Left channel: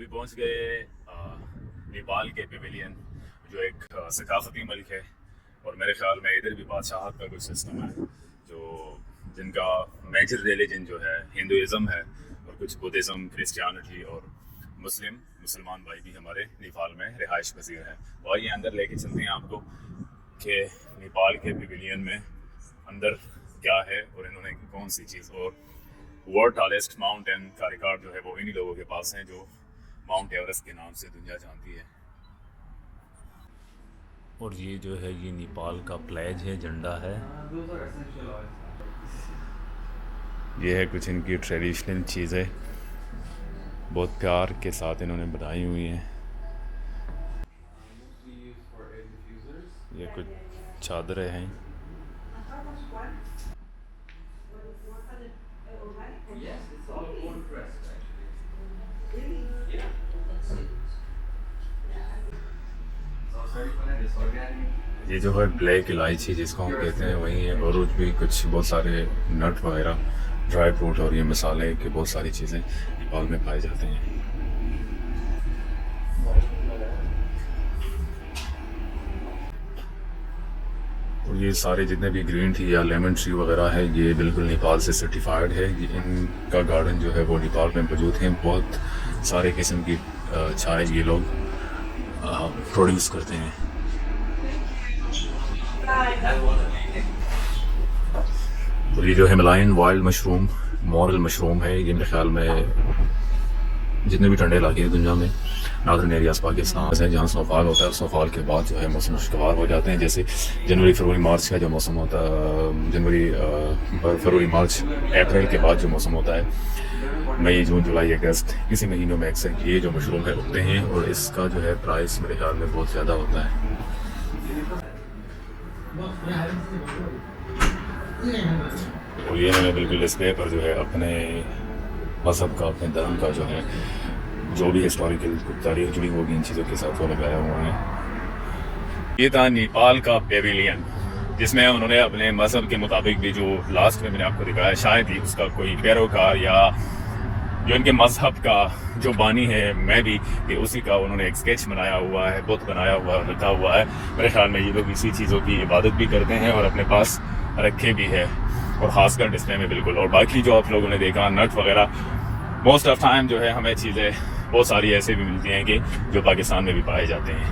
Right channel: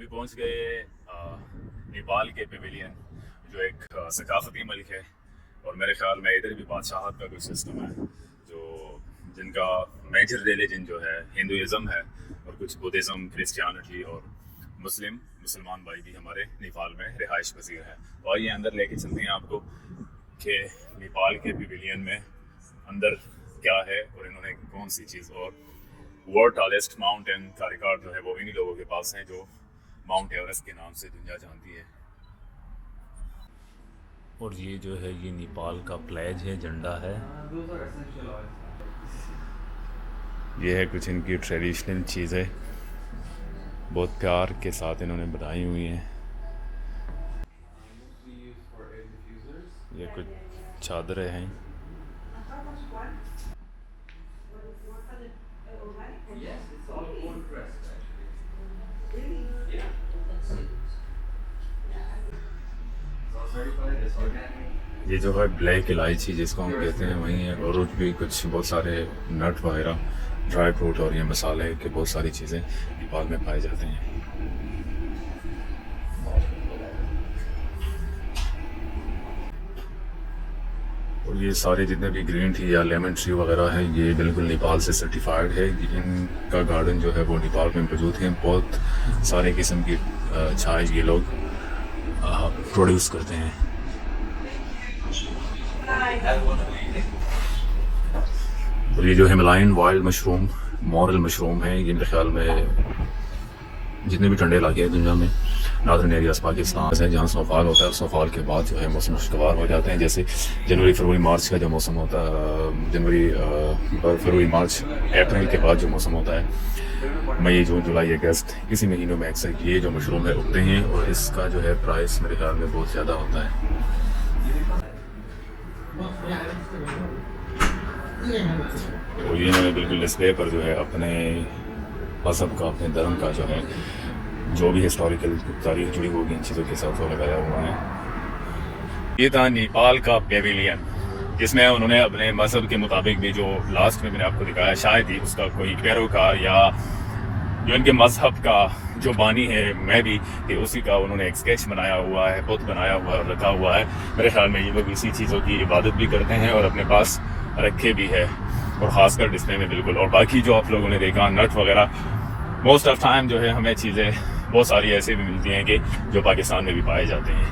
अभी पहुंच गए नेपाल के पेविलियन, जो एक सकाफती मुल्क है। और मेरे ख्याल में इधर भी बादशाहत का कोई सिस्टम है, जो जिनका मेजर रिलीजन जो है हिंदुज़म है, और कुछ बुद्धिज़्म, क्रिश्चियनिटी और मुसलमान भाई भी हमारे नेपाल में रिहाइश पजीर हैं। और ये अंदर लेके चलते हैं आपको कि नेपाल के पेविलियन में अंदर क्या है और इन्होंने कौन सी चीज़। और वर्ल्ड टॉलेस्ट माउंटेन का रिकॉर्ड जो है वो इन्हीं लोगों के पास है, जो माउंट एवरेस्ट के नाम से दुनिया जानती है। और ये जो है ये नेपाल का फ्लैग है, झंडा है। ये है कुछ इनकी ट्रेडिशनल चीज़ें, बहुत प्यार के साथ इन्होंने बनाई हुई हैं। ये कुछ चादरें हैं। ये जो है ब्लैक इलायची जिसको हम कहते हैं वही है, और भी कुछ बहुत सारे नट वगैरह, ड्राई फ्रूट और ये मसाले के बहुत सारी चीज़ें नेपाल में पाए जाते हैं। और ये सारे जितने भी ग्रीन टी या लेमन ट्री वगैरह है, ये बिल्कुल नेपाल से सर्टिफाइड है। इनका गार्डन जो है वो नेपाल में मौजूद है। बहुत सारे किस्म की चाय ये लोग प्रोड्यूस करते हैं। और ये जो Himalayan wild mushroom, moral mushroom है, ये मेरे ख्याल में जितने भी ठंडे इलाके हैं दुनिया में, नॉर्दर्न एरियाज पाकिस्तान है, जहाँ स्नोफॉल होता है, स्नोफॉल के बाद जो है मौसम खुशगवार हो जाते हैं। जैसे जनवरी फरवरी मार्च का जो मौसम होता है, जनवरी फरवरी मार्च अप्रैल के बाद जो मौसम होता है, मई जून जुलाई अगस्त, इसी महीनों में अक्सर ये जो मशरूम है उगते हैं। और इसका जो है प्राइस मेरे ख्याल में बहुत ज़्यादा होता है। और ये मैंने बिल्कुल डिस्प्ले पर जो है अपने मज़हब का, अपने धर्म का जो है, जो भी हिस्टोरिकल तारीख जुड़ी होगी इन चीज़ों के साथ वो लगाया हुआ है। ये था नेपाल का पेविलियन, जिसमें उन्होंने अपने मज़हब के मुताबिक भी, जो लास्ट में मैंने आपको दिखाया, शायद ही उसका कोई पैरोकार या जो इनके मज़हब का जो बानी है, मैं भी, कि उसी का उन्होंने एक स्केच बनाया हुआ है, बुत बनाया हुआ रखा हुआ है। मेरे ख्याल में ये लोग इसी चीज़ों की इबादत भी करते हैं और अपने पास रखे भी है, और ख़ासकर डिस्प्ले में बिल्कुल। और बाकी जो आप लोगों ने देखा नट वगैरह, मोस्ट ऑफ टाइम जो है हमें चीज़ें बहुत सारी ऐसे भी मिलती हैं कि जो पाकिस्तान में भी पाए जाते हैं।